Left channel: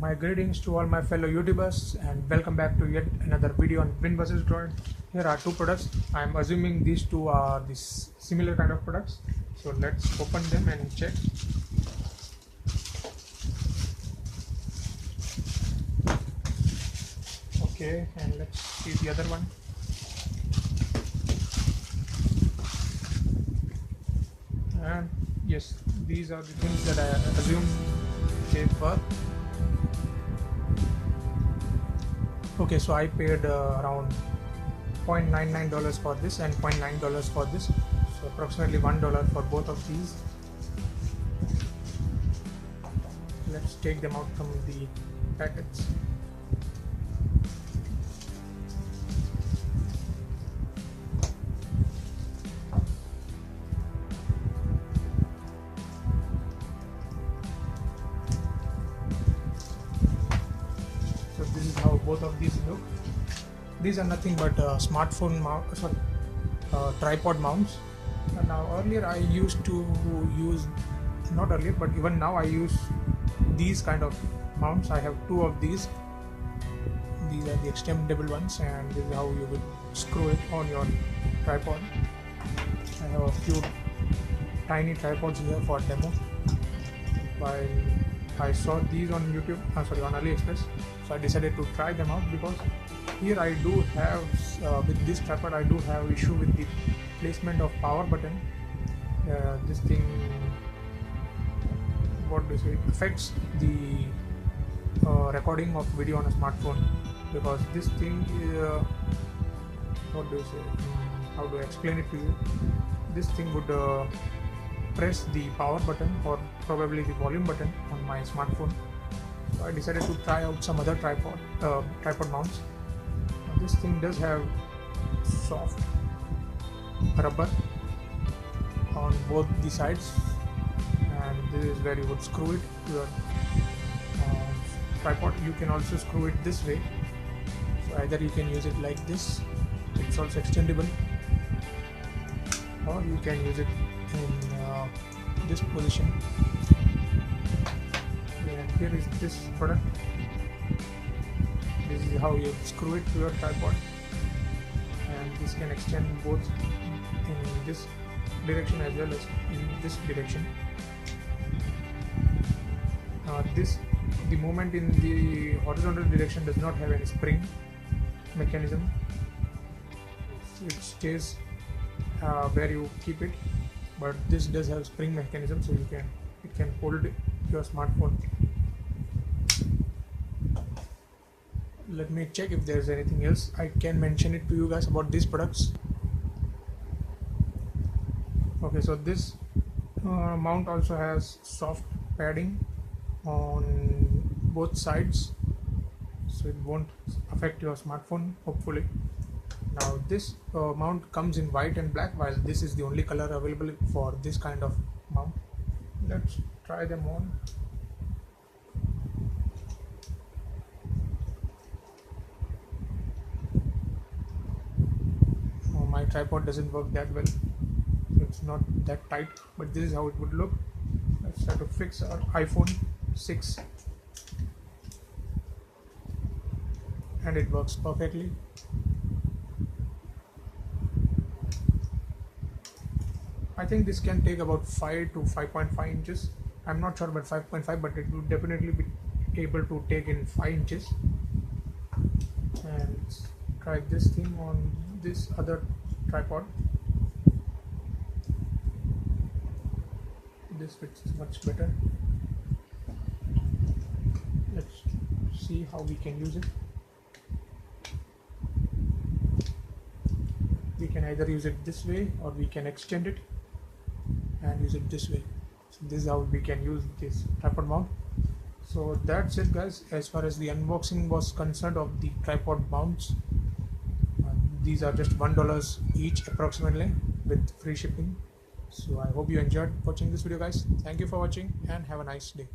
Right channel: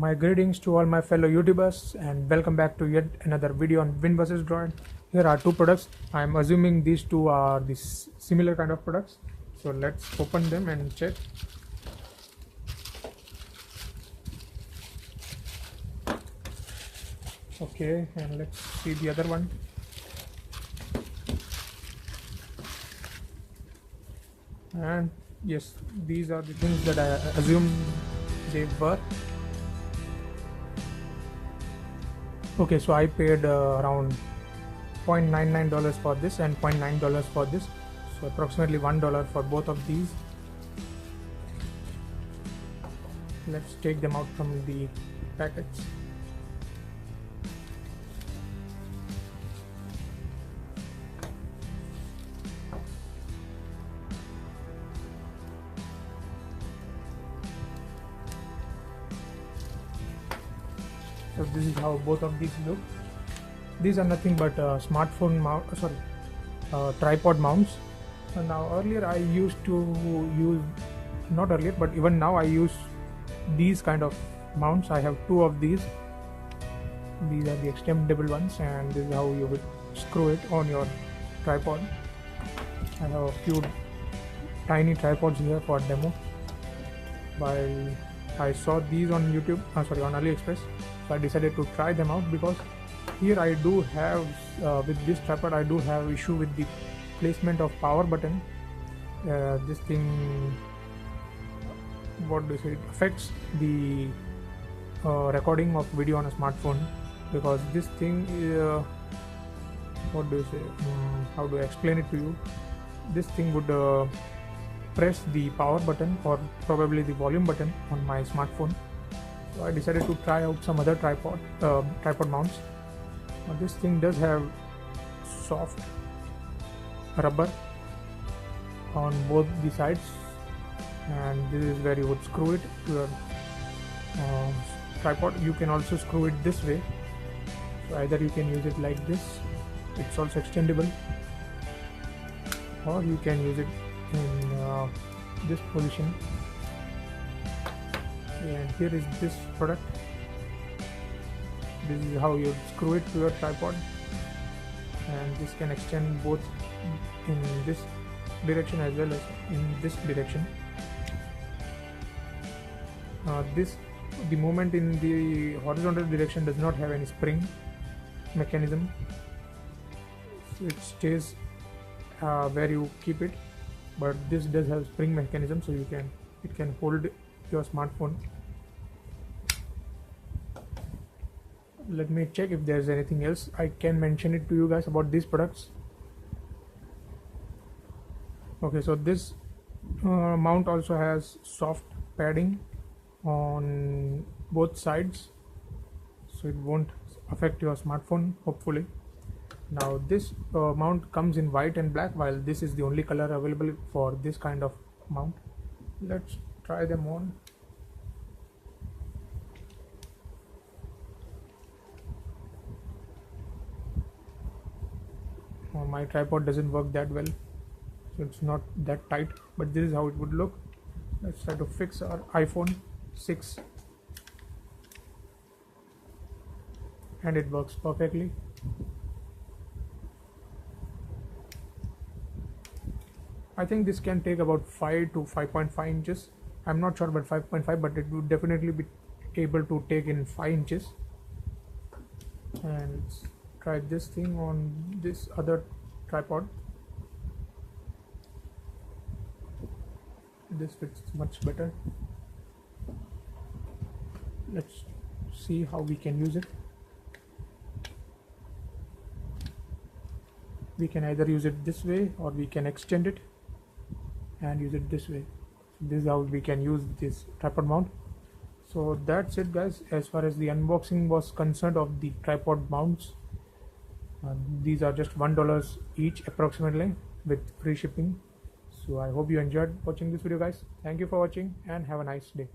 My greetings to all my fellow YouTubers and welcome back to yet another video on Win vs Droid. Here are two products. I'm assuming these two are this similar kind of products. So let's open them and check. Okay, and let's see the other one. And yes, these are the things that I assume they were. Okay, so I paid around $0.99 for this and $0.9 for this, so approximately $1 for both of these. Let's take them out from the packets. So this is how both of these look. These are nothing but smartphone mount, tripod mounts. And now earlier I used to use, not earlier but even now I use these kind of mounts. I have two of these. These are the extendable ones, and this is how you would screw it on your tripod. I have a few tiny tripods here for demo. While I saw these on YouTube, on AliExpress, so I decided to try them out because here I do have, with this tripod, I do have issue with the placement of power button. This thing, what do you say, affects the recording of video on a smartphone, because this thing, what do you say, how do I explain it to you? This thing would press the power button or probably the volume button on my smartphone. So I decided to try out some other tripod mounts. Now this thing does have soft rubber on both the sides, and this is where you would screw it to your tripod. You can also screw it this way, so either you can use it like this, it's also extendable, or you can use it in this position. And here is this product. This is how you screw it to your tripod, and this can extend both in this direction as well as in this direction. The movement in the horizontal direction does not have any spring mechanism. It stays where you keep it, but this does have spring mechanism, so it can hold your smartphone. Let me check if there is anything else I can mention it to you guys about these products. Okay, so this mount also has soft padding on both sides, so it won't affect your smartphone, hopefully. Now this mount comes in white and black, while this is the only color available for this kind of mount. Let's try them on. My tripod doesn't work that well, so it's not that tight, but this is how it would look. Let's try to fix our iPhone 6, and it works perfectly. I think this can take about 5 to 5.5 inches. I'm not sure about 5.5, but it would definitely be able to take in 5 inches. And let's try this thing on this other tripod. This fits much better. Let's see how we can use it. We can either use it this way, or we can extend it and use it this way. So this is how we can use this tripod mount. So that's it, guys, as far as the unboxing was concerned of the tripod mounts. These are just $1 each approximately, with free shipping. So I hope you enjoyed watching this video, guys. Thank you for watching and have a nice day.